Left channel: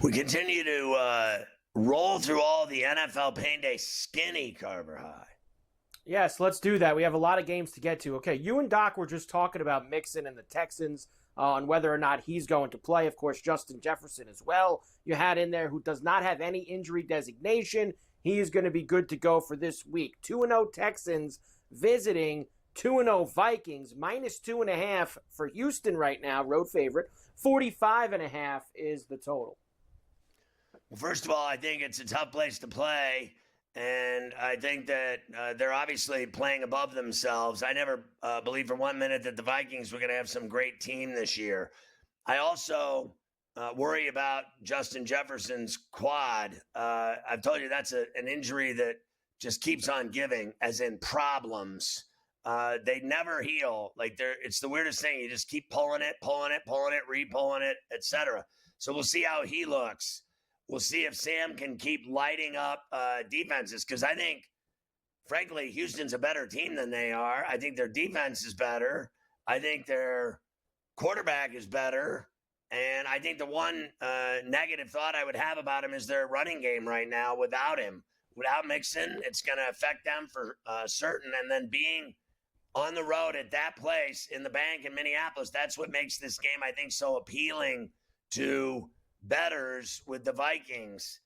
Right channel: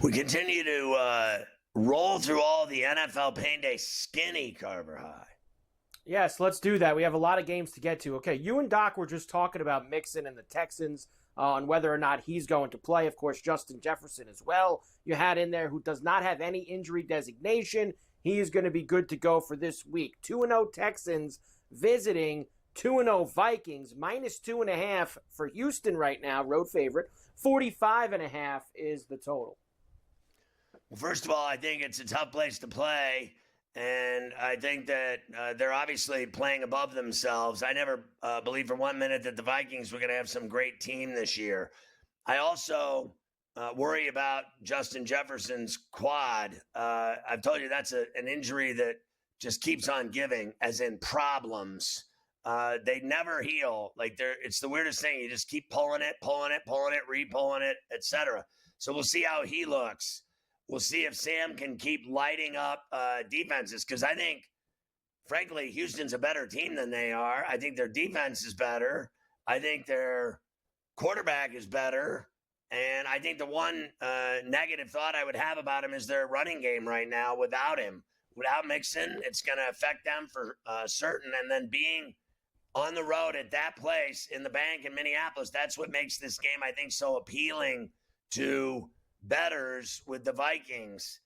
We continue to roll through all the NFL Pain Day skinny, Carver High. Yes, let's do that. We have a lot of games to get to. Okay, you and Doc were just talking about Mixon and the Texans on whether or not he's going to play. Of course, Justin Jefferson as well. You had in there who does not have any injury designation. He is going to be good to go for this week. 2-0 Texans visiting 2-0 Vikings. -2.5 for Houston right now, road favorite. 45.5 is the total. Well, first of all, I think it's a tough place to play. And I think that they're obviously playing above themselves. I never believed for 1 minute that the Vikings were going to have some great team this year. I also worry about Justin Jefferson's quad. I've told you that's an injury that just keeps on giving, as in problems. They never heal. It's the weirdest thing. You just keep pulling it, re-pulling it, etc. So we'll see how he looks. We'll see if Sam can keep lighting up defenses, because I think, frankly, Houston's a better team than they are. I think their defense is better. I think their quarterback is better. And I think the one negative thought I would have about him is their running game right now without him. Without Mixon, it's going to affect them for certain. And then being on the road at that place in the bank in Minneapolis, that's what makes this game, I think, so appealing to bettors with the Vikings.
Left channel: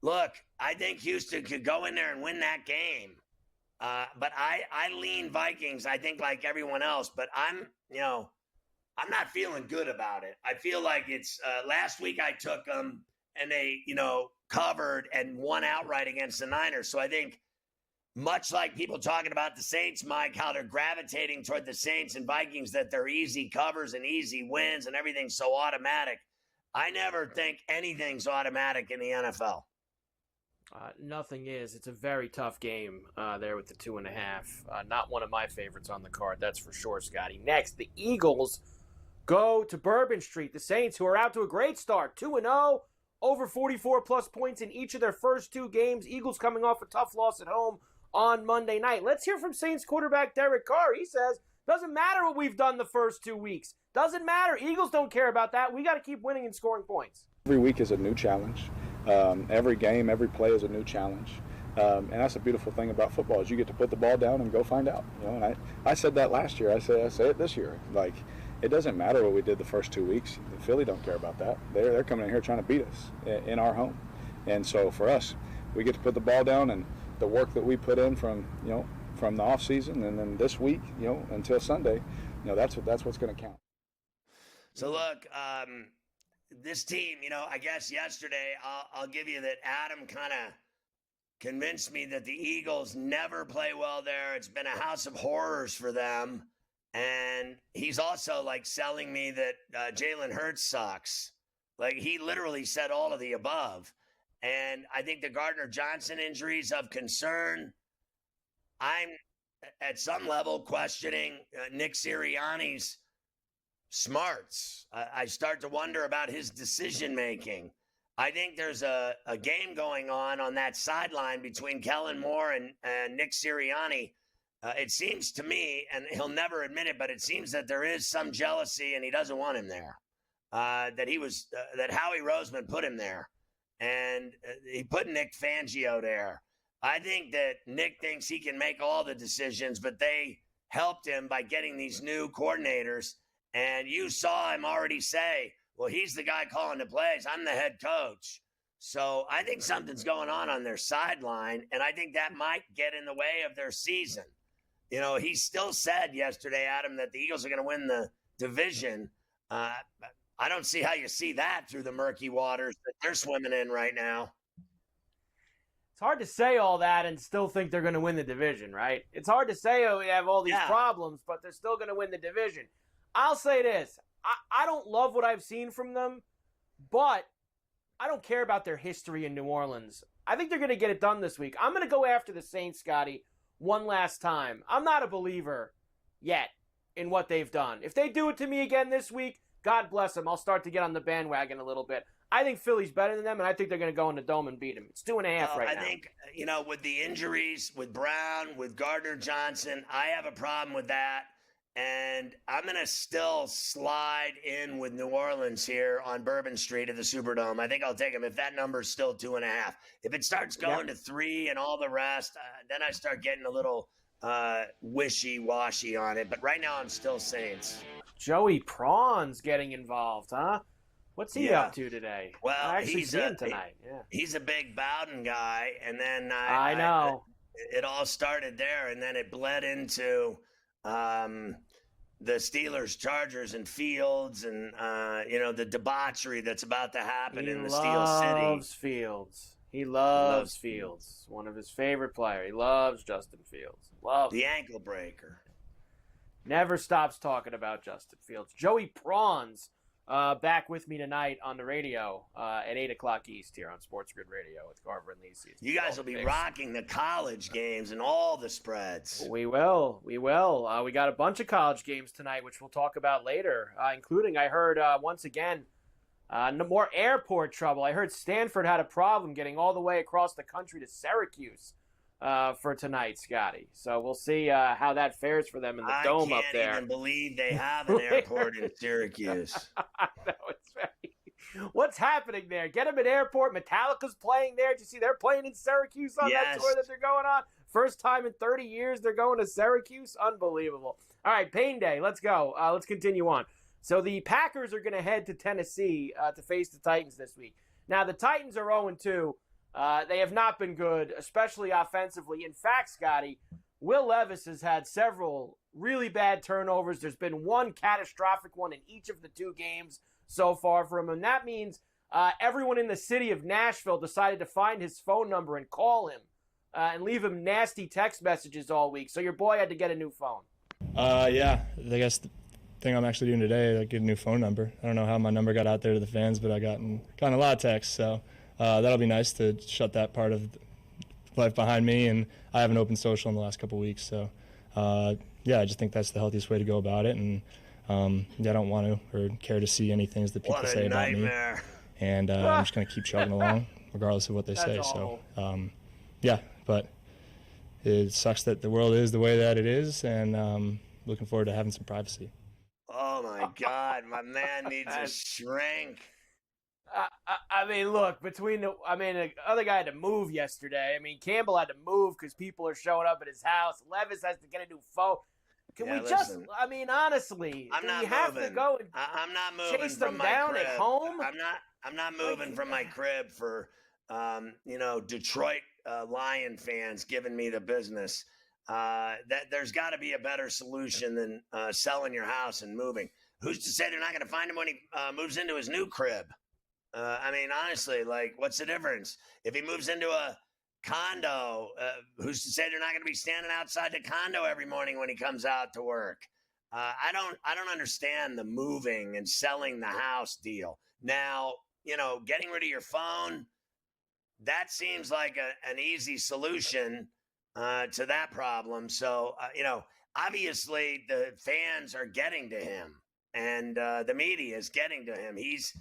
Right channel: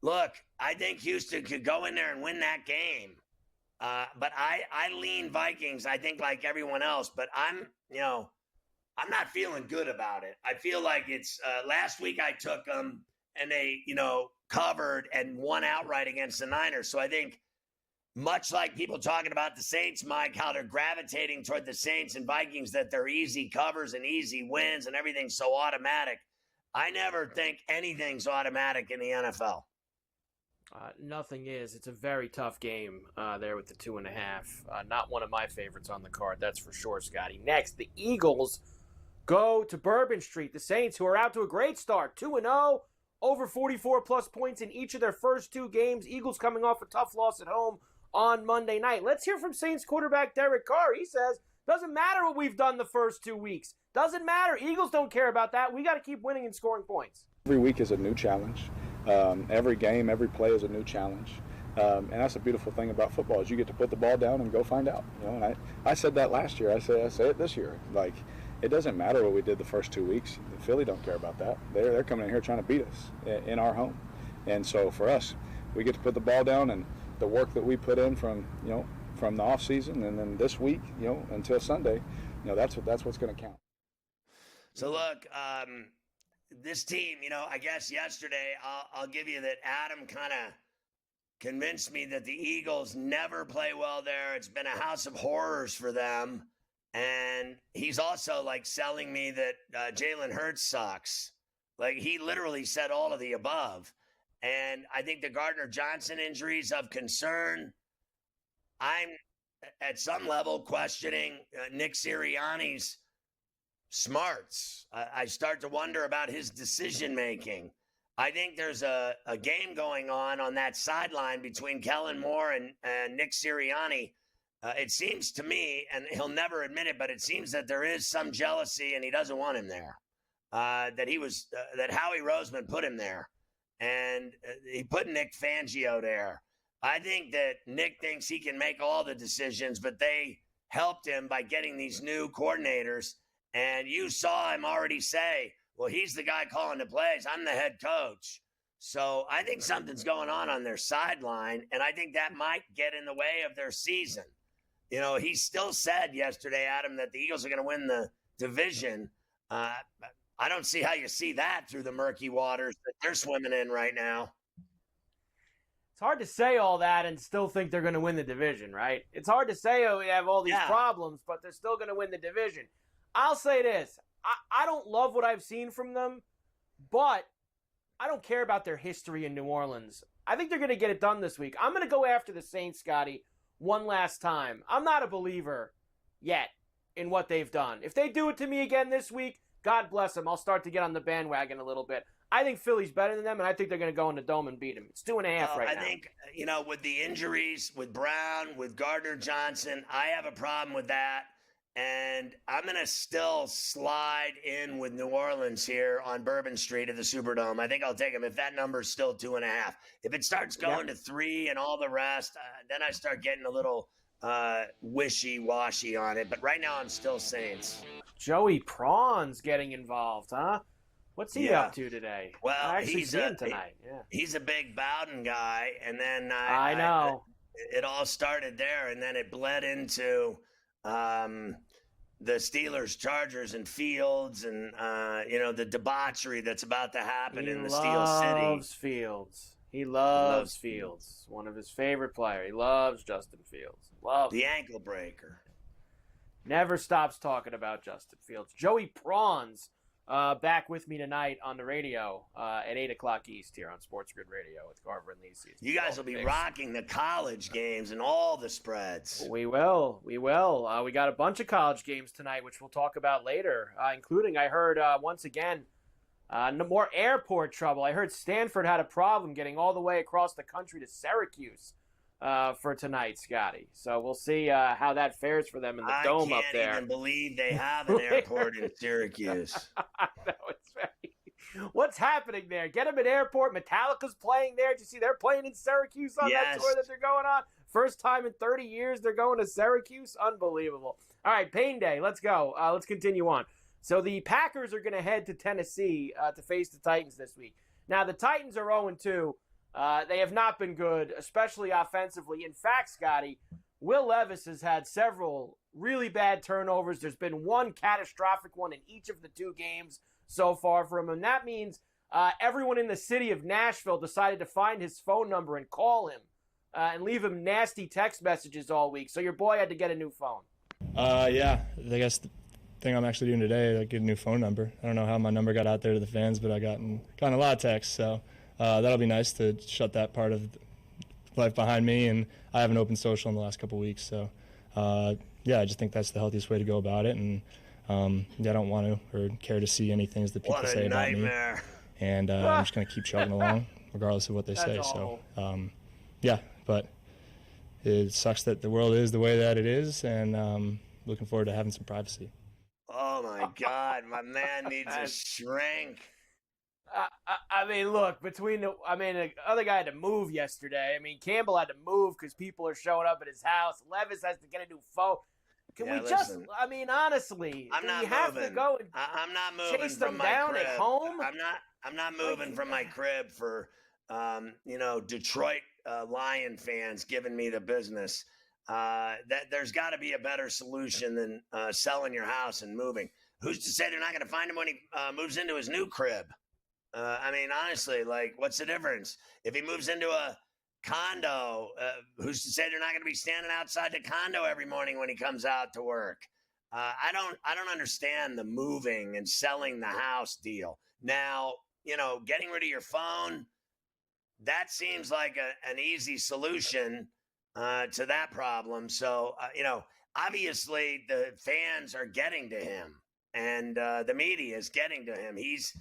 Look, I think Houston could go in there and win that game. But I lean Vikings, I think, like everyone else. But I'm not feeling good about it. I feel like it's last week I took them and they, covered and won outright against the Niners. So I think much like people talking about the Saints, Mike, how they're gravitating toward the Saints and Vikings, that they're easy covers and easy wins and everything's so automatic. I never think anything's automatic in the NFL. Nothing is. It's a very tough game there with the 2.5. Not one of my favorites on the card, that's for sure, Scotty. Next, the Eagles go to Bourbon Street. The Saints, who are out to a great start, 2-0, over 44-plus points in each of their first two games. Eagles coming off a tough loss at home on Monday night. Let's hear from Saints quarterback Derek Carr. He says, doesn't matter what we've done the first 2 weeks. Doesn't matter. Eagles don't care about that. We got to keep winning and scoring points. Every week is a new challenge. Every game, every play is a new challenge. And that's the beautiful thing about football is you get to put the ball down and go find out. And I said that last year. I say it this year. It doesn't matter what we did the first 2 weeks. Philly don't care about that. They're coming in here trying to beat us in our home. And so for us, we get to put the ball down, and the work that we put in from the off season and then this week, until Sunday, that's what's going to count. So look, this team, I guess yesterday I'll give you that Adam kind of convinced me that the Eagles never play well there. It's been a house of horrors for them. And he's also selling me that Jalen Hurts sucks. He literally said all of the above. And I think the Gardner Johnson injury is of concern. I'm at some level questioning Nick Sirianni's smarts. I start to wonder about his decision-making. I think there's a game going on that sideline between Kellen Moore and Nick Sirianni. It seems to me, and he'll never admit it, but it seems that there is some jealousy and he doesn't want him there. That Howie Roseman put him there. And he put Nick Fangio there. I think that Nick thinks he can make all the decisions, but they helped him by getting these new coordinators. And you saw him already say, well, he's the guy calling the plays. I'm the head coach. So I think something's going on their sideline, and I think that might get in the way of their season. He still said yesterday, Adam, that the Eagles are going to win the division. I don't see how you see that through the murky waters that they're swimming in right now. It's hard to say all that and still think they're going to win the division, right? It's hard to say, we have all these problems, but they're still going to win the division. I'll say this. I don't love what I've seen from them, but I don't care about their history in New Orleans. I think they're going to get it done this week. I'm going to go after the Saints, Scotty, one last time. I'm not a believer yet in what they've done. If they do it to me again this week, God bless them. I'll start to get on the bandwagon a little bit. I think Philly's better than them, and I think they're going to go in the dome and beat them. It's 2.5 right now. I think, with the injuries, with Brown, with Gardner Johnson, I have a problem with that. And I'm going to still slide in with New Orleans here on Bourbon Street at the Superdome. I think I'll take them if that number's still 2.5. If it starts going to 3 and all the rest, then I start getting a little wishy-washy on it. But right now I'm still Saints. Joey Prawn's getting involved, huh? What's he up to today? Well, I actually see him tonight. Yeah. He's a big Bowden guy. And then I know. It all started there, and then it bled into the Steelers, Chargers, and Fields, and the debauchery that's about to happen in the Steel City. He loves Fields. One of his favorite players. He loves Justin Fields. The ankle breaker. Never stops talking about Justin Fields. Joey Prawns back with me tonight on the radio at 8 o'clock East here on SportsGrid Radio with Carver and Lisi. You guys will be rocking the college games and all the spreads. We will. We got a bunch of college games tonight, which we'll talk about later, including, I heard, once again, no more airport trouble. I heard Stanford had a problem getting all the way across the country to Syracuse for tonight, Scotty. So we'll see how that fares for them in the dome up there. I can't even believe they have an airport in Syracuse. No, it's very... What's happening there? Get them an airport. Metallica's playing there. Did you see they're playing in Syracuse on that tour that they're going on? First time in 30 years they're going to Syracuse. Unbelievable. All right, Pain Day. Let's go. Let's continue on. So the Packers are going to head to Tennessee to face the Titans this week. Now, the Titans are 0-2. They have not been good, especially offensively. In fact, Scotty, Will Levis has had several really bad turnovers. There's been one catastrophic one in each of the 2 games so far for him. And that means everyone in the city of Nashville decided to find his phone number and call him and leave him nasty text messages all week. So your boy had to get a new phone. Yeah, I guess the thing I'm actually doing today, get a new phone number. I don't know how my number got out there to the fans, but I gotten a lot of texts. So that'll be nice to shut that part of life behind me. And I haven't opened social in the last couple of weeks. So, I just think that's the healthiest way to go about it. And I don't want to or care to see any things that people say about me. And I'm just going to keep chugging along regardless of what they say. Awful. So, but it sucks that the world is the way that it is. And looking forward to having some privacy. Oh, my God. My man needs a shrink. I mean, look, the other guy had to move yesterday. I mean, Campbell had to move because people are showing up at his house. Levis has to get a new phone. Can we listen, honestly, I'm not have moving. to go and I'm not moving chase from them my down crib. at home? I'm not moving from my crib for, Detroit Lion fans giving me the business. That there's got to be a better solution than selling your house and moving. Who's to say they're not going to find him when he moves into his new crib? Honestly, what's the difference? If he moves into a condo, who's to say they're not going to be standing outside the condo every morning when he comes out to work? I don't understand the moving and selling the house deal. Now, getting rid of your phone, that seems like an easy solution to that problem. So, obviously the fans are getting to him and the media is getting to him. He's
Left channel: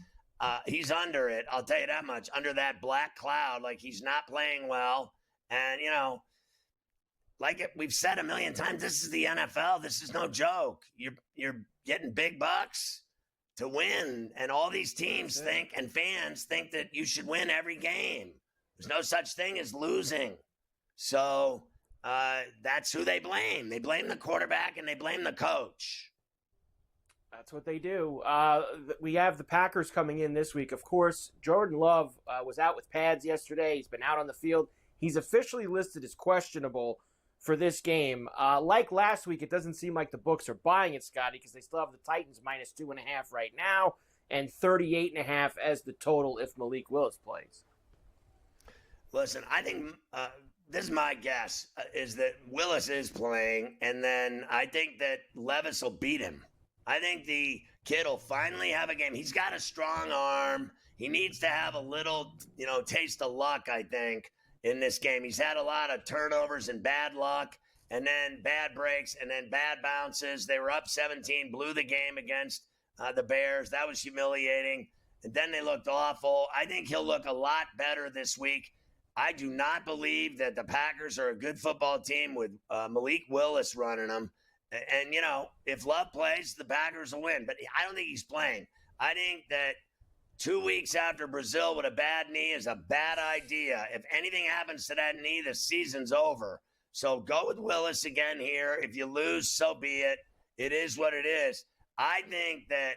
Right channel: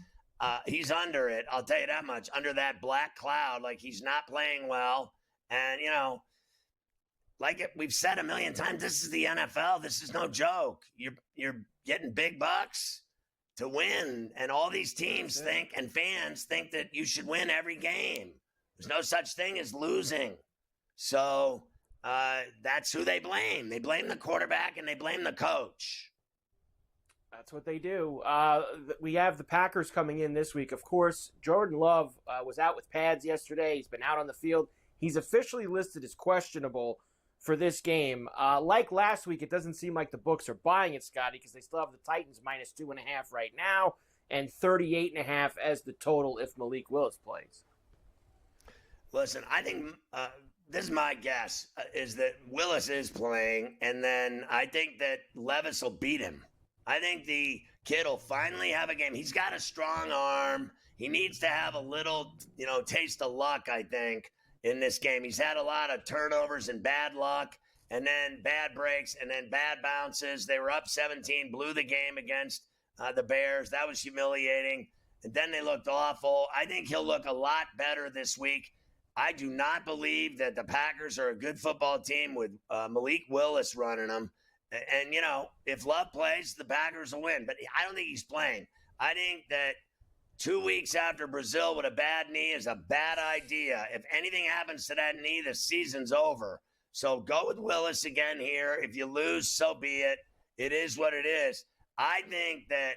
under it. I'll tell you that much, under that black cloud, he's not playing well. And, we've said a million times, this is the NFL. This is no joke. You're getting big bucks to win. And all these teams think and fans think that you should win every game. There's no such thing as losing. So that's who they blame. They blame the quarterback and they blame the coach. That's what they do. We have the Packers coming in this week. Of course, Jordan Love was out with pads yesterday. He's been out on the field. He's officially listed as questionable for this game. Like last week, it doesn't seem like the books are buying it, Scotty, because they still have the Titans minus 2.5 right now and 38.5 as the total if Malik Willis plays. Listen, I think this is my guess, is that Willis is playing, and then I think that Levis will beat him. I think the kid will finally have a game. He's got a strong arm. He needs to have a little, taste of luck, I think, in this game. He's had a lot of turnovers and bad luck, and then bad breaks, and then bad bounces. They were up 17, blew the game against the Bears. That was humiliating. And then they looked awful. I think he'll look a lot better this week. I do not believe that the Packers are a good football team with Malik Willis running them. And, if Love plays, the Packers will win. But I don't think he's playing. I think that 2 weeks after Brazil with a bad knee is a bad idea. If anything happens to that knee, the season's over. So go with Willis again here. If you lose, so be it. It is what it is. I think that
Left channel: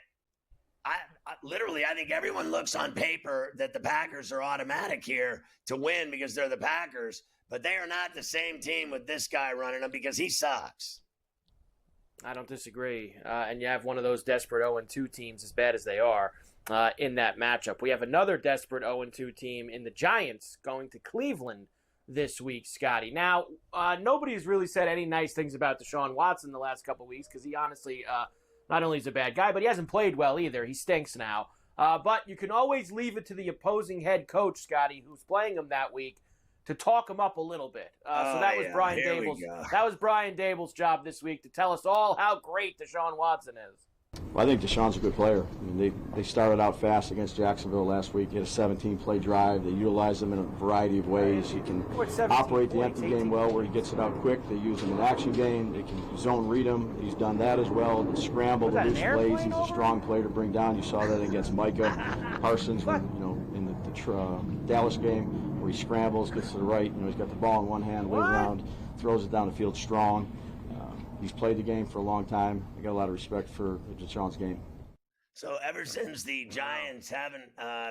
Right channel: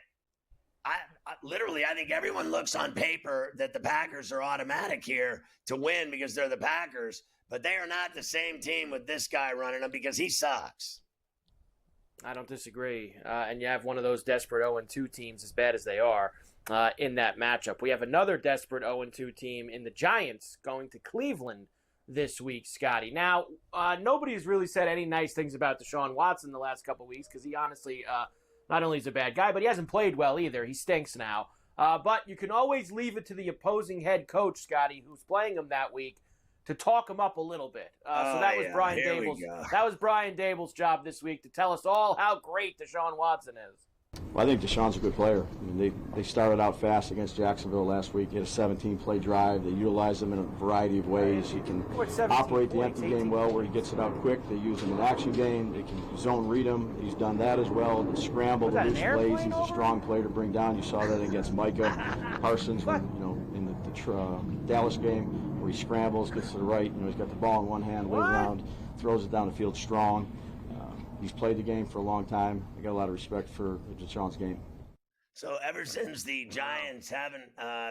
I think everyone looks on paper that the Packers are automatic here to win because they're the Packers, but they are not the same team with this guy running them because he sucks. I don't disagree. And you have one of those desperate 0-2 teams, as bad as they are, in that matchup. We have another desperate 0-2 team in the Giants going to Cleveland this week, Scotty. Now, nobody's really said any nice things about Deshaun Watson the last couple of weeks because he honestly, not only is a bad guy, but he hasn't played well either. He stinks now. But you can always leave it to the opposing head coach, Scotty, who's playing him that week, to talk him up a little bit. So that was Brian Daboll's. That was Brian Daboll's job this week to tell us all how great Deshaun Watson is. Well, I think Deshaun's a good player. I mean, they started out fast against Jacksonville last week. He had a 17-play drive. They utilized him in a variety of ways. He can operate the empty game well where he gets it out quick. They use him in action game. They can zone read him. He's done that as well. The scramble, the loose plays. He's a strong player to bring down. You saw that against Micah Parsons when, in the Dallas game where he scrambles, gets to the right. He's got the ball in one hand, lays around, throws it down the field strong. He's played the game for a long time. I got a lot of respect for Deshaun's game. So ever since the Giants haven't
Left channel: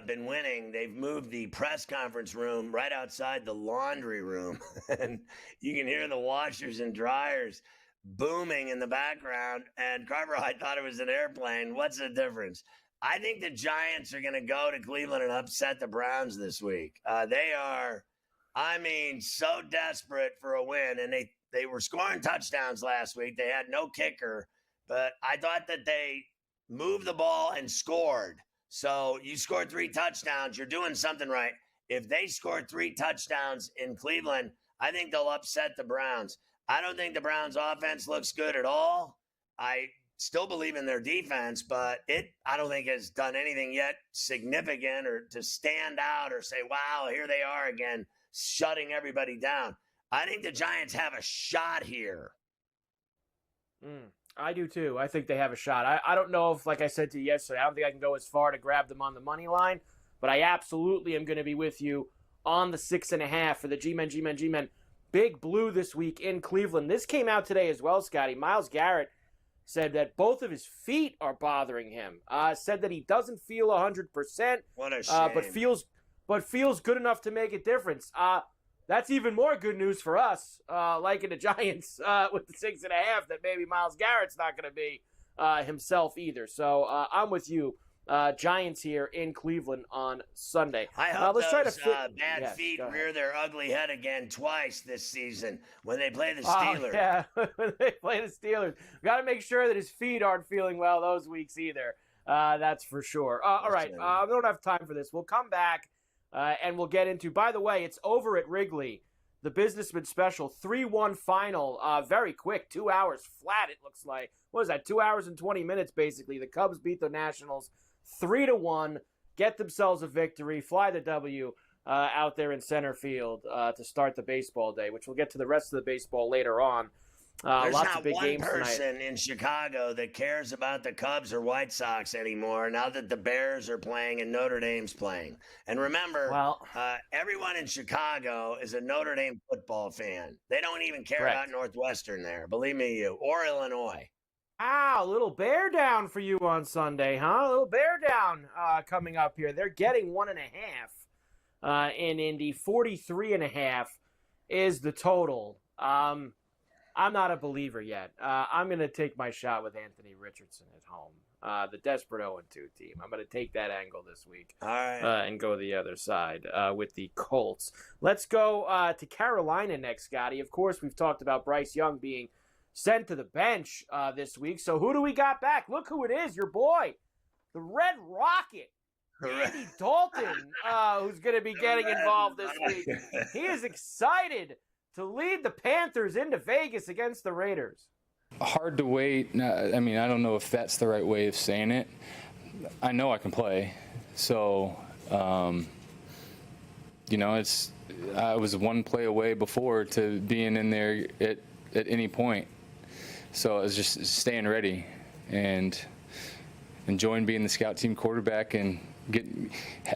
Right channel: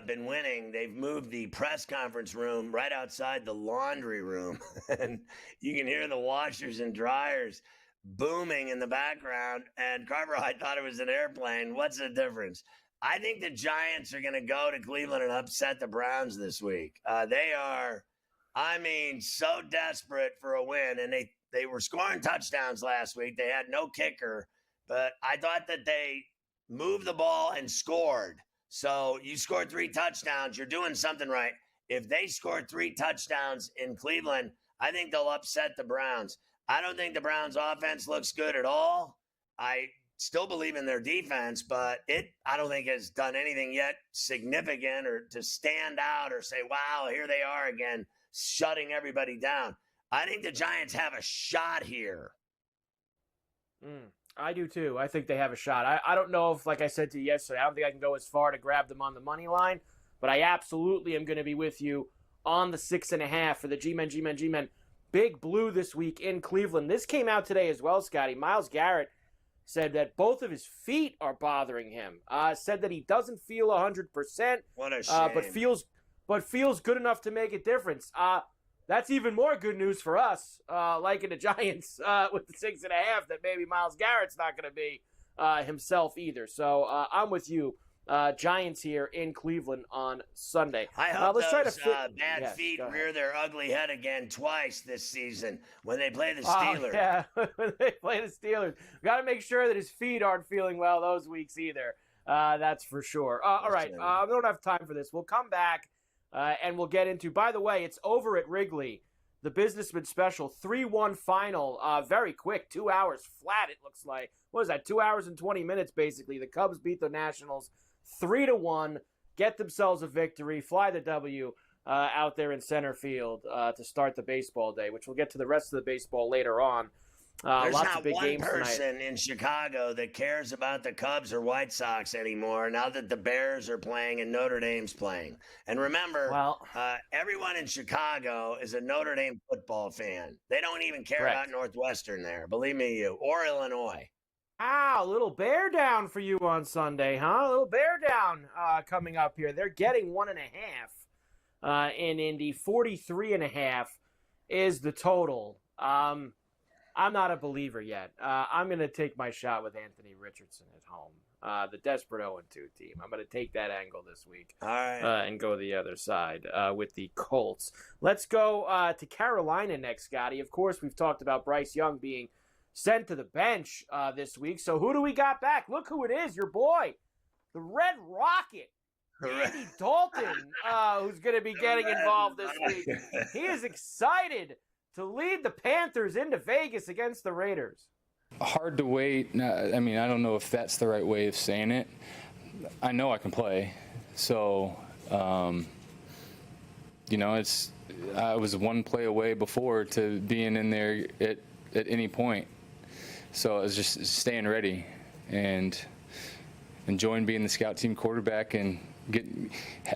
been winning, they've moved the press conference room right outside the laundry room. And you can hear the washers and dryers booming in the background. And Carver, I thought it was an airplane. What's the difference? I think the Giants are going to go to Cleveland and upset the Browns this week. They are, so desperate for a win. And they were scoring touchdowns last week. They had no kicker, but I thought that they moved the ball and scored. So you scored 3 touchdowns. You're doing something right. If they score 3 touchdowns in Cleveland, I think they'll upset the Browns. I don't think the Browns offense looks good at all. I still believe in their defense, but I don't think has done anything yet significant or to stand out or say, wow, here they are again, shutting everybody down. I think the Giants have a shot here. I do too. I think they have a shot. I don't know if, like I said to you yesterday, I don't think I can go as far to grab them on the money line, but I absolutely am going to be with you on the 6.5 for the G-Men. Big Blue this week in Cleveland. This came out today as well, Scotty. Myles Garrett said that both of his feet are bothering him. Said that he doesn't feel 100%, what a shame. but feels good enough to make a difference. That's even more good news for us, like in the Giants with the 6.5, that maybe Myles Garrett's not going to be himself either. So I'm with you. Giants here in Cleveland on Sunday. I hope those bad feet rear their ugly head again twice this season when they play the Steelers. Yeah, when they play the Steelers. Got to make sure that his feet aren't feeling well those weeks either. That's for sure. All right, we don't have time for this. We'll come back. And we'll get into, by the way, it's over at Wrigley, the Businessman Special, 3-1 final, very quick, 2 hours flat, it looks like. What is that, 2 hours and 20 minutes, basically. The Cubs beat the Nationals 3-1, get themselves a victory, fly the W out there in center field to start the baseball day, which we'll get to the rest of the baseball later on. There's lots not of big one games person tonight in Chicago that cares about the Cubs or White Sox anymore now that the Bears are playing and Notre Dame's playing. And remember, everyone in Chicago is a Notre Dame football fan. They don't even care about Northwestern there, believe me, or Illinois. A little bear down for you on Sunday, huh? A little bear down coming up here. They're getting 1.5 in Indy. 43.5 is the total. I'm not a believer yet. I'm going to take my shot with Anthony Richardson at home, the desperate 0-2 team. I'm going to take that angle this week and go the other side with the Colts. Let's go to Carolina next, Scotty. Of course, we've talked about Bryce Young being sent to the bench this week. So who do we got back? Look who it is, your boy, the Red Rocket. Andy Dalton, who's going to be getting involved this week. He is excited to lead the Panthers into Vegas against the Raiders. Hard to wait. I don't know if that's the right way of saying it. I know I can play. So, I was one play away before to being in there at any point. So it's just staying ready and enjoying being the scout team quarterback and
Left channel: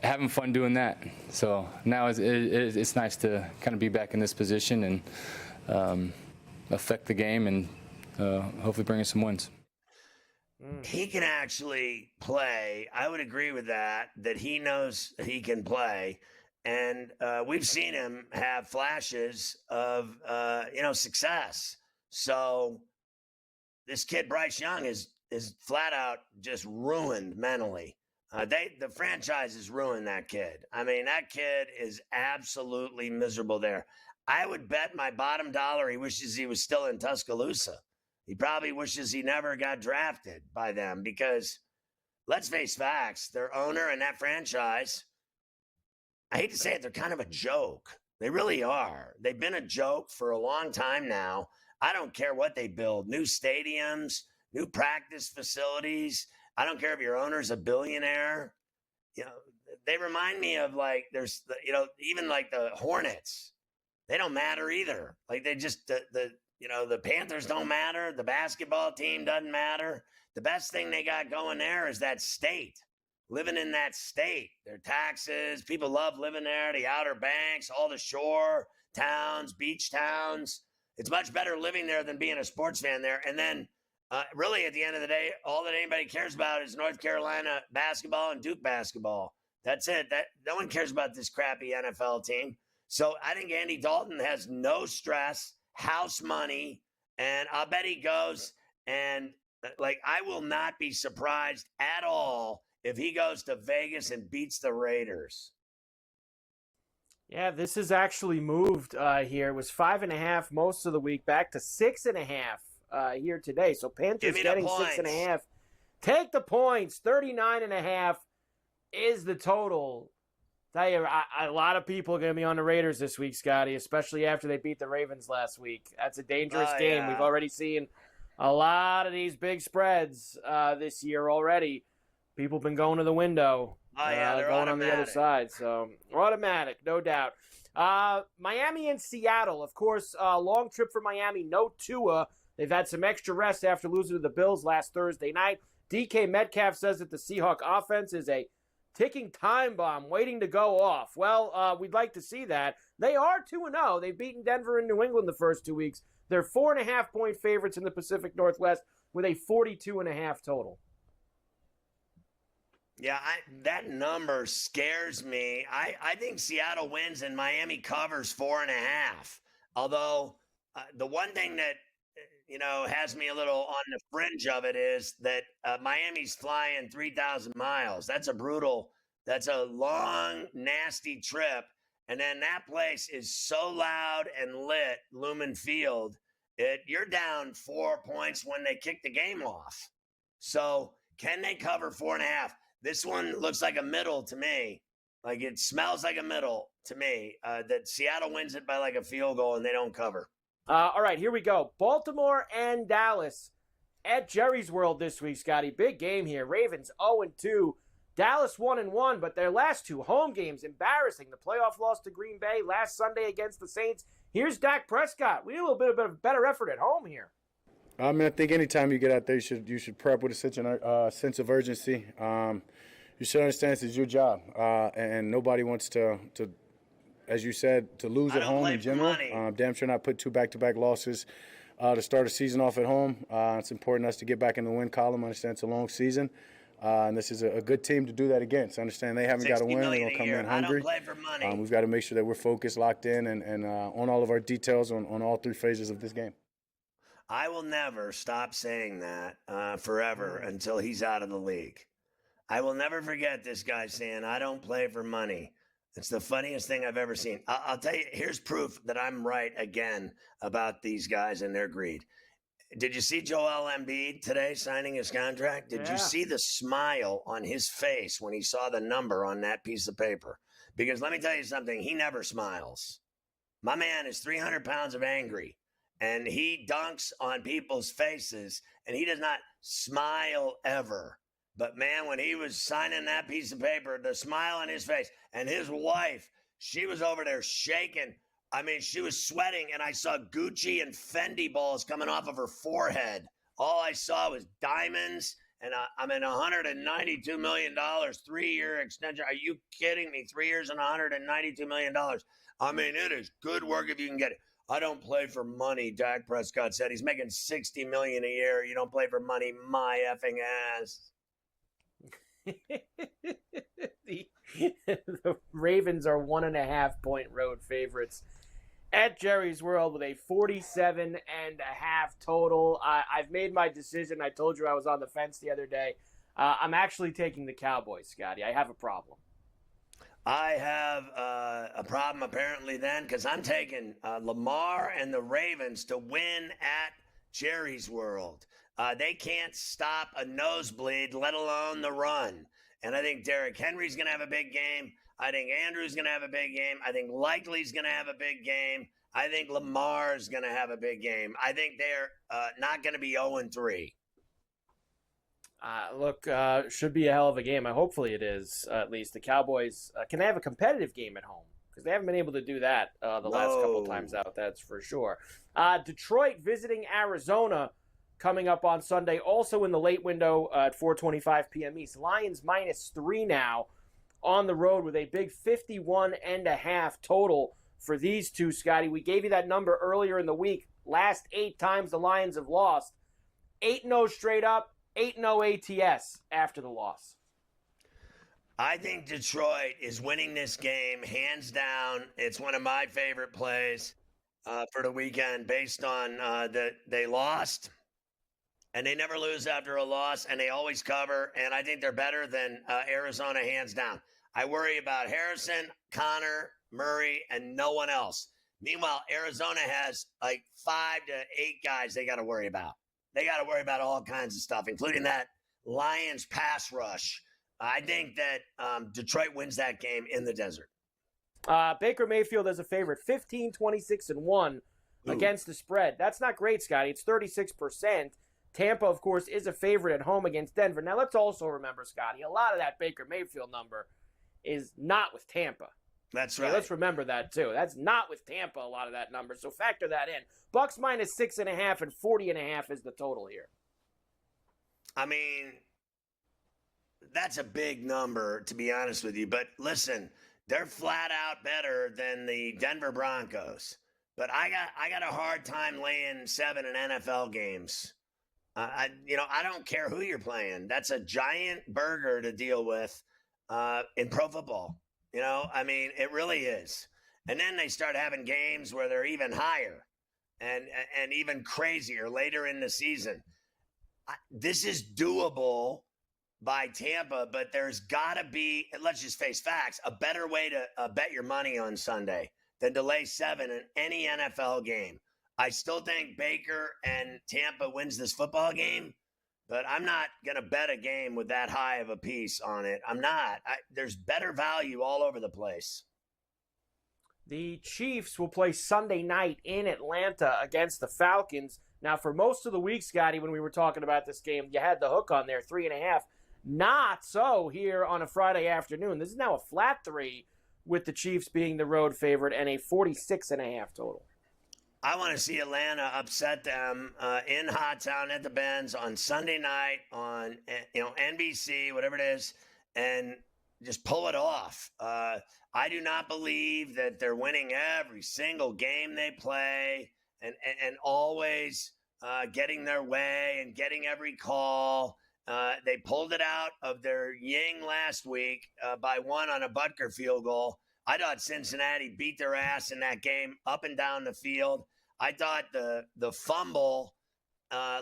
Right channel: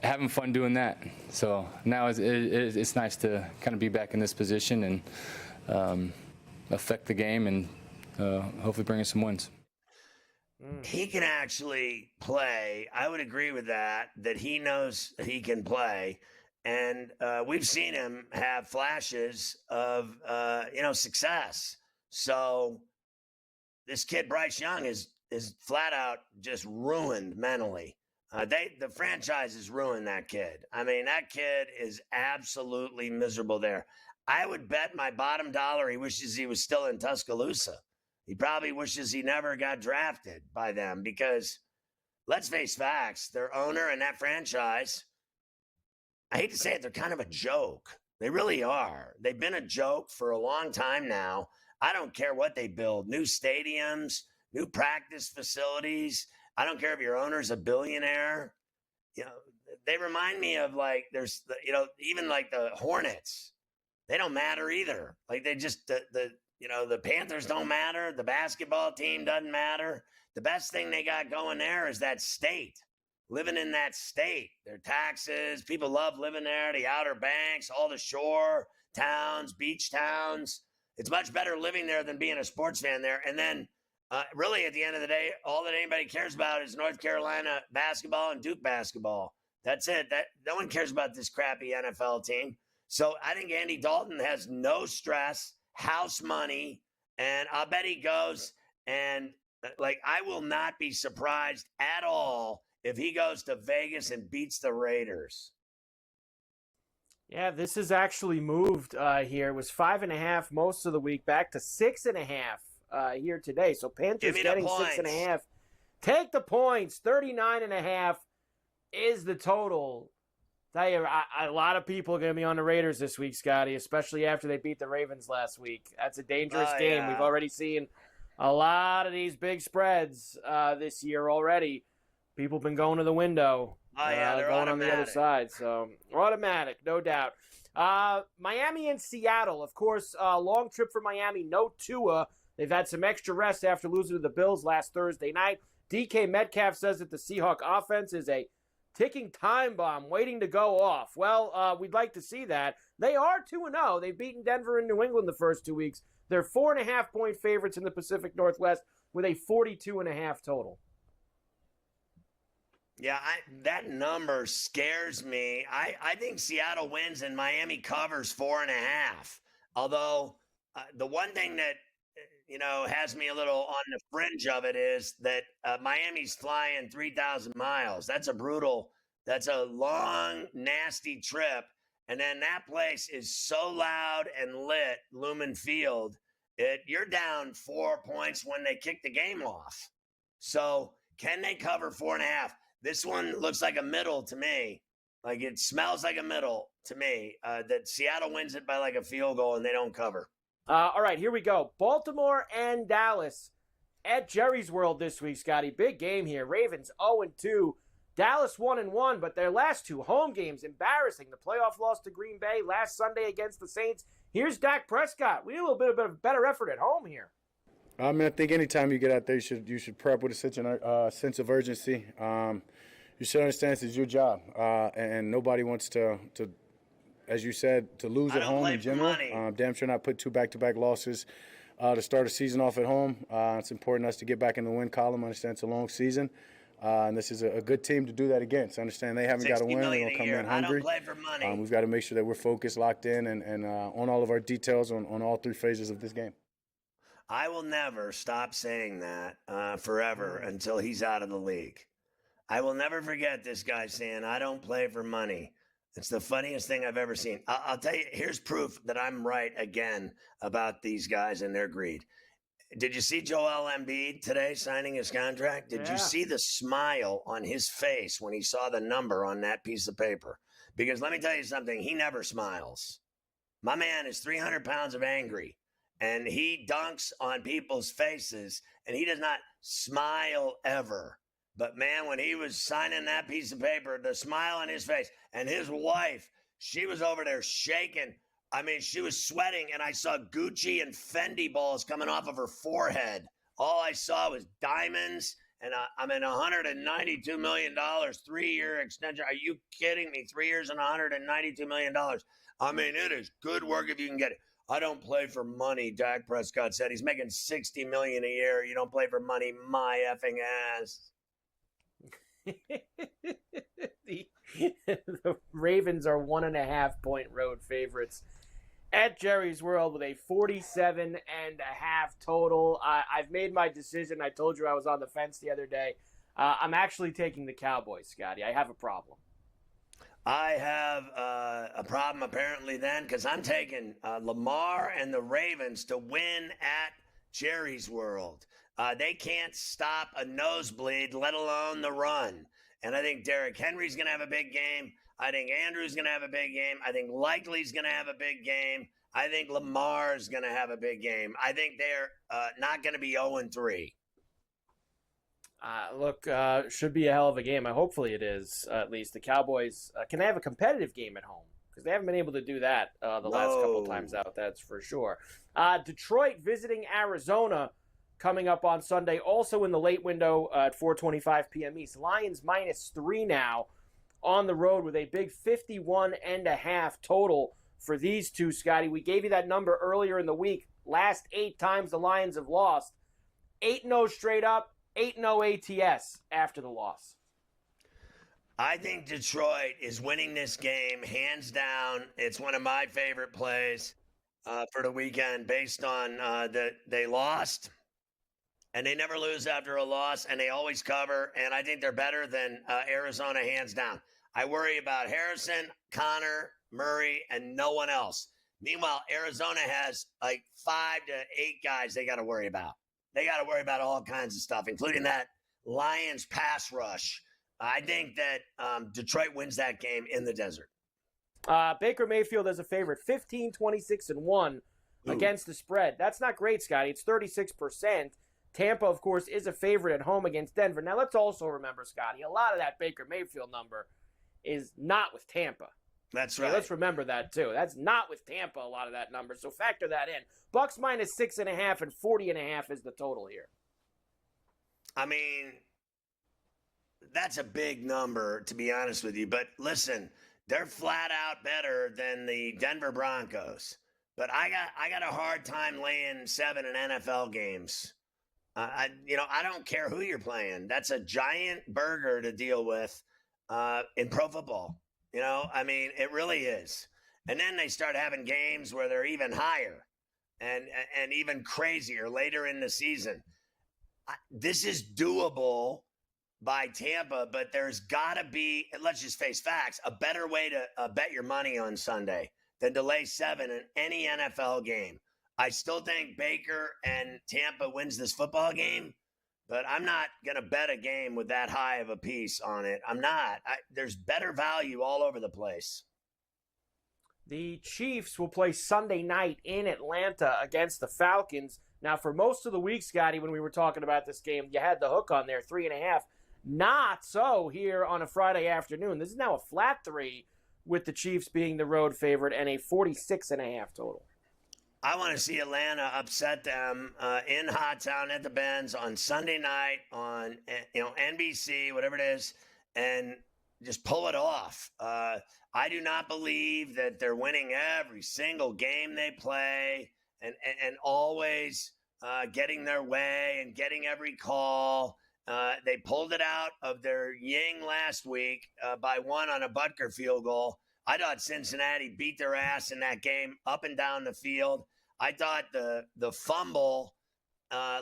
having fun doing that. So now it's nice to kind of be back in this position and affect the game and hopefully bring us some wins. He can actually play. I would agree with that he knows he can play. And we've seen him have flashes of, success. So this kid, Bryce Young, is flat out just ruined mentally. The franchise has ruined that kid. I mean, that kid is absolutely miserable there. I would bet my bottom dollar he wishes he was still in Tuscaloosa. He probably wishes he never got drafted by them because, let's face facts, their owner and that franchise, I hate to say it, they're kind of a joke. They really are. They've been a joke for a long time now. I don't care what they build, new stadiums, new practice facilities. I don't care if your owner's a billionaire. They remind me of even like the Hornets. They don't matter either. Like they just, the Panthers don't matter. The basketball team doesn't matter. The best thing they got going there is that state. Living in that state, their taxes, people love living there, the Outer Banks, all the shore towns, beach towns. It's much better living there than being a sports fan there. And then really at the end of the day, all that anybody cares about is North Carolina basketball and Duke basketball. That's it. No one cares about this crappy NFL team. So I think Andy Dalton has no stress, house money, and I'll bet he goes and I will not be surprised at all if he goes to Vegas and beats the Raiders. Yeah, this has actually moved here. It was 5.5 most of the week, back to 6.5 here today. So Panthers getting 6.5. Take the points. 39.5 is the total. Tell you, a lot of people are going to be on the Raiders this week, Scotty, especially after they beat the Ravens last week. That's a dangerous game. Yeah. We've already seen a lot of these big spreads this year already. People have been going to the window, going automatic on the other side. So automatic, no doubt. Miami and Seattle, of course, long trip for Miami. No Tua. They've had some extra rest after losing to the Bills last Thursday night. DK Metcalf says that the Seahawk offense is a ticking time bomb waiting to go off. Well, we'd like to see that. They are 2-0. They've beaten Denver and New England the first 2 weeks. They're 4.5-point favorites in the Pacific Northwest with a 42.5 total. Yeah, that number scares me. I think Seattle wins and Miami covers 4.5. Although the one thing that has me a little on the fringe of it is that Miami's flying 3,000 miles. That's a long, nasty trip. And then that place is so loud and lit, Lumen Field, you're down 4 points when they kick the game off. So can they cover 4.5? This one looks like a middle to me. Like it smells like a middle to me. That Seattle wins it by like a field goal and they don't cover. All right, here we go. Baltimore and Dallas at Jerry's World this week, Scotty. Big game here. Ravens 0-2. Dallas 1-1, but their last 2 home games, embarrassing. The playoff loss to Green Bay last Sunday against the Saints. Here's Dak Prescott. We need a little bit of a better effort at home here. I mean, I think anytime you get out there, you should prep with a sense of urgency. You should understand this is your job, and nobody wants to, as you said, to lose at home in general. Damn sure not put 2 back-to-back losses to start a season off at home. It's important us to get back in the win column. I understand it's a long season, and this is a good team to do that against. I understand they haven't got a win. They're going to come in hungry. I don't play for money. We've got to make sure that we're focused, locked in, and on all of our details on all 3 phases of this game. I will never stop saying that forever until he's out of the league. I will never forget this guy saying, I don't play for money. It's the funniest thing I've ever seen. I'll tell you, here's proof that I'm right again about these guys and their greed. Did you see Joel Embiid today signing his contract? Did you see the smile on his face when he saw the number on that piece of paper? Because let me tell you something, he never smiles. My man is 300 pounds of angry, and he dunks on people's faces, and he does not smile ever. But, man, when he was signing that piece of paper, the smile on his face, and his wife, she was over there shaking. I mean, she was sweating, and I saw Gucci and Fendi balls coming off of her forehead. All I saw was diamonds, and $192 million, 3-year extension. Are you kidding me? 3 years and $192 million. I mean, it is good work if you can get it. I don't play for money, Dak Prescott said. He's making $60 million a year. You don't play for money, my effing ass. The Ravens are 1.5-point road favorites at Jerry's World with a 47.5 total. I've made my decision. I told you I was on the fence the other day. I'm actually taking the Cowboys, Scotty. I have a problem. I have a problem apparently then, because I'm taking Lamar and the Ravens to win at Jerry's World. They can't stop a nosebleed, let alone the run. And I think Derrick Henry's going to have a big game. I think Andrew's going to have a big game. I think Likely's going to have a big game. I think Lamar's going to have a big game. I think they're not going to be 0-3. Look, should be a hell of a game. Hopefully it is, at least. The Cowboys can have a competitive game at home, because they haven't been able to do that the last couple times out, that's for sure. Detroit visiting Arizona coming up on Sunday, also in the late window at 4:25 p.m. East. Lions -3 now on the road with a big 51.5 total for these two, Scotty. We gave you that number earlier in the week. Last 8 times the Lions have lost. 8-0 straight up, 8-0 ATS after the loss. I think Detroit is winning this game hands down. It's one of my favorite plays for the weekend based on that they lost. And they never lose after a loss, and they always cover. And I think they're better than Arizona hands down. I worry about Harrison, Connor, Murray, and no one else. Meanwhile, Arizona has like 5 to 8 guys they got to worry about. They got to worry about all kinds of stuff, including that Lions pass rush. I think that Detroit wins that game in the desert. Baker Mayfield as a favorite, 15-26-1 against the spread. That's not great, Scotty. It's 36%. Tampa, of course, is a favorite at home against Denver. Now, let's also remember, Scotty, a lot of that Baker Mayfield number is not with Tampa. That's right. So let's remember that, too. That's not with Tampa, a lot of that number. So factor that in. Bucks -6.5 and 40.5 is the total here. I mean, that's a big number, to be honest with you. But listen, they're flat out better than the Denver Broncos. But I got a hard time laying 7 in NFL games. I don't care who you're playing. That's a giant burger to deal with in pro football. It really is. And then they start having games where they're even higher and even crazier later in the season. This is doable by Tampa, but there's got to be, let's just face facts, a better way to bet your money on Sunday than to lay 7 in any NFL game. I still think Baker and Tampa wins this football game, but I'm not going to bet a game with that high of a piece on it. I'm not. There's better value all over the place. The Chiefs will play Sunday night in Atlanta against the Falcons. Now, for most of the week, Scotty, when we were talking about this game, you had the hook on there, 3.5. Not so here on a Friday afternoon. This is now a flat 3 with the Chiefs being the road favorite and a 46.5 total. I want to see Atlanta upset them in Hot Town at the Benz on Sunday night on NBC, whatever it is, and just pull it off. I do not believe that they're winning every single game they play and always getting their way and getting every call. They pulled it out of their yin last week by 1 on a Butker field goal. I thought Cincinnati beat their ass in that game up and down the field. I thought the fumble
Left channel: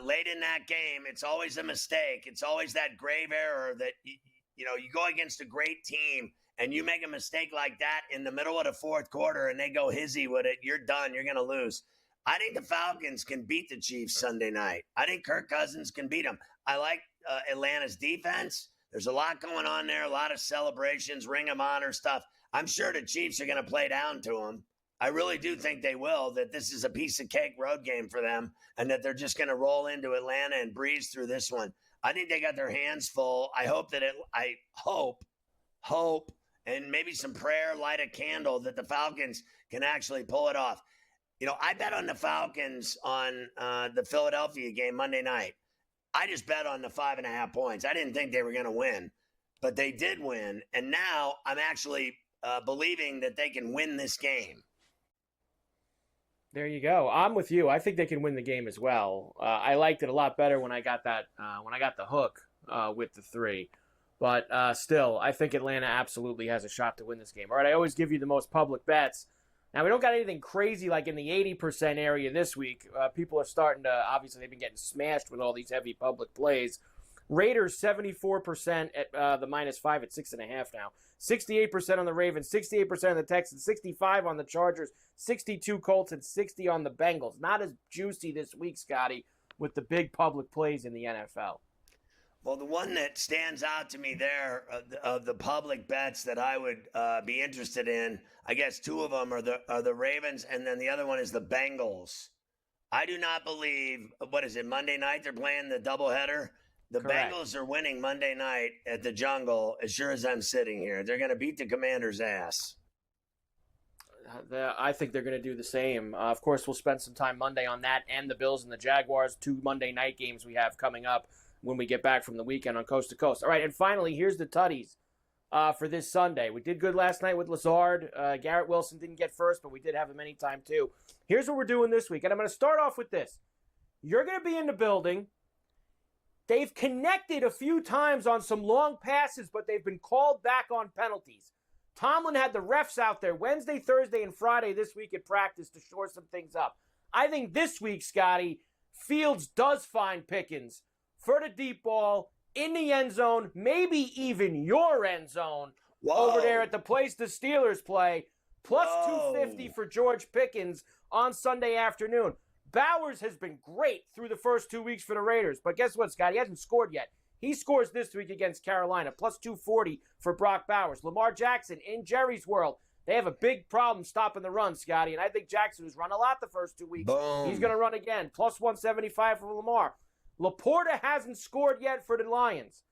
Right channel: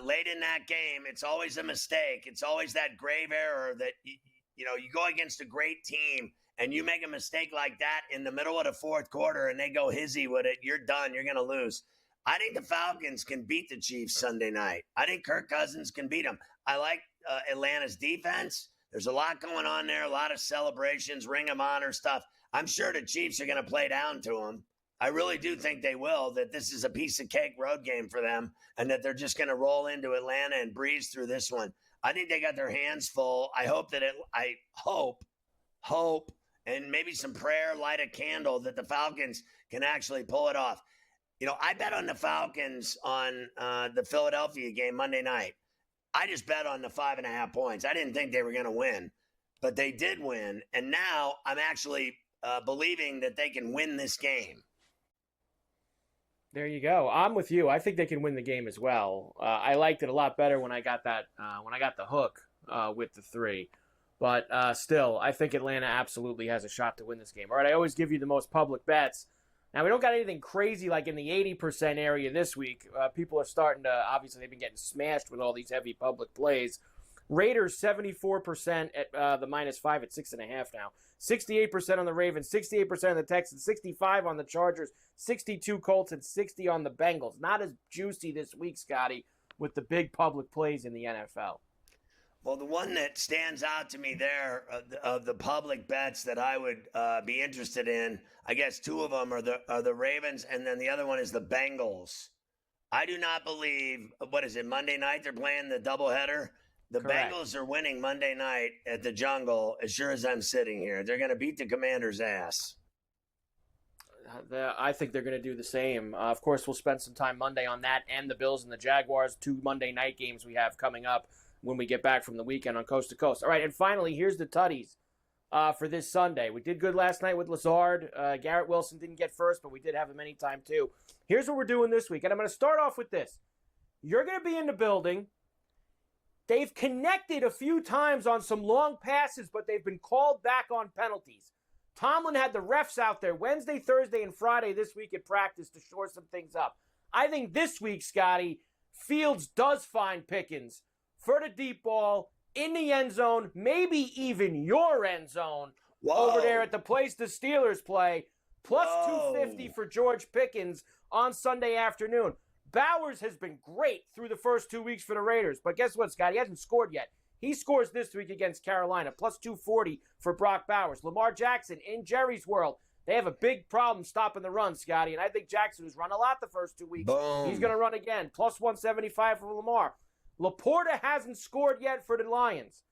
late in that game, it's always a mistake. It's always that grave error that, you go against a great team and you make a mistake like that in the middle of the fourth quarter and they go hizzy with it, you're done. You're going to lose. I think the Falcons can beat the Chiefs Sunday night. I think Kirk Cousins can beat them. I like Atlanta's defense. There's a lot going on there, a lot of celebrations, Ring of Honor stuff. I'm sure the Chiefs are going to play down to them. I really do think they will, that this is a piece of cake road game for them and that they're just going to roll into Atlanta and breeze through this one. I think they got their hands full. I hope and maybe some prayer, light a candle that the Falcons can actually pull it off. I bet on the Falcons on the Philadelphia game Monday night. I just bet on the 5.5 points. I didn't think they were going to win, but they did win. And now I'm actually believing that they can win this game. There you go. I'm with you. I think they can win the game as well. I liked it a lot better when I got that when I got the hook with the 3. But still, I think Atlanta absolutely has a shot to win this game. All right, I always give you the most public bets. Now, we don't got anything crazy like in the 80% area this week. People are starting to, obviously, they've been getting smashed with all these heavy public plays. Raiders, 74% at the -5 at 6.5 now. 68% on the Ravens, 68% on the Texans, 65 on the Chargers, 62 Colts, and 60 on the Bengals. Not as juicy this week, Scotty, with the big public plays in the NFL. Well, the one that stands out to me there of the public bets that I would be interested in, I guess 2 of them are the Ravens, and then the other one is the Bengals. I do not believe, what is it, Monday night they're playing the doubleheader? The Correct. Bengals are winning Monday night at the Jungle, as sure as I'm sitting here. They're going to beat the Commanders' ass. I think they're going to do the same. Of course, we'll spend some time Monday on that and the Bills and the Jaguars, 2 Monday night games we have coming up when we get back from the weekend on Coast to Coast. All right, and finally, here's the tutties for this Sunday. We did good last night with Lazard. Garrett Wilson didn't get first, but we did have him anytime too. Here's what we're doing this week, and I'm going to start off with this. You're going to be in the building. They've connected a few times on some long passes, but they've been called back on penalties. Tomlin had the refs out there Wednesday, Thursday, and Friday this week at practice to shore some things up. I think this week, Scotty, Fields does find Pickens for the deep ball in the end zone, maybe even your end zone. Whoa. Over there at the place the Steelers play, plus Whoa. 250 for George Pickens on Sunday afternoon. Bowers has been great through the first 2 weeks for the Raiders, but guess what, Scott? He hasn't scored yet. He scores this week against Carolina, plus 240 for Brock Bowers. Lamar Jackson, in Jerry's world, they have a big problem stopping the run, Scotty, and I think Jackson, who's run a lot the first 2 weeks, Boom. he's going to run again, plus 175 for Lamar. Laporta hasn't scored yet for the Lions.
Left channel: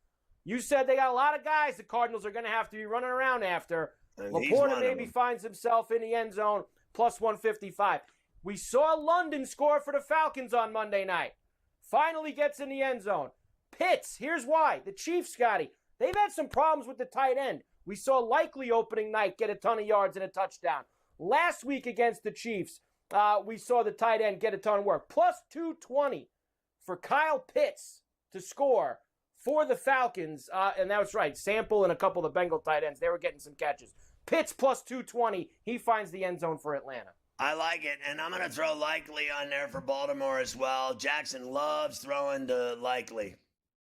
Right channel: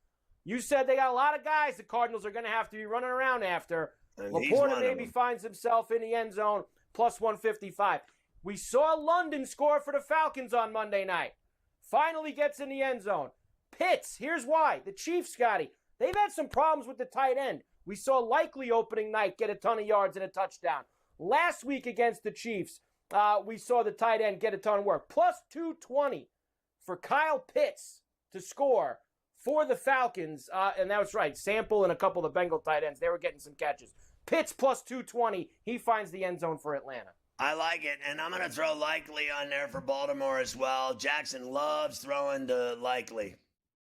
You said they got a lot of guys the Cardinals are going to have to be running around after. And Laporta maybe finds himself in the end zone, plus 155. We saw London score for the Falcons on Monday night. Finally gets in the end zone. Pitts, here's why. The Chiefs, Scotty, they've had some problems with the tight end. We saw Likely opening night get a ton of yards and a touchdown. Last week against the Chiefs, we saw the tight end get a ton of work. Plus 220 for Kyle Pitts to score for the Falcons. And that was right. Sample and a couple of the Bengal tight ends, they were getting some catches. Pitts plus 220. He finds the end zone for Atlanta. I like it, and I'm going to throw Likely on there for Baltimore as well. Jackson loves throwing to Likely.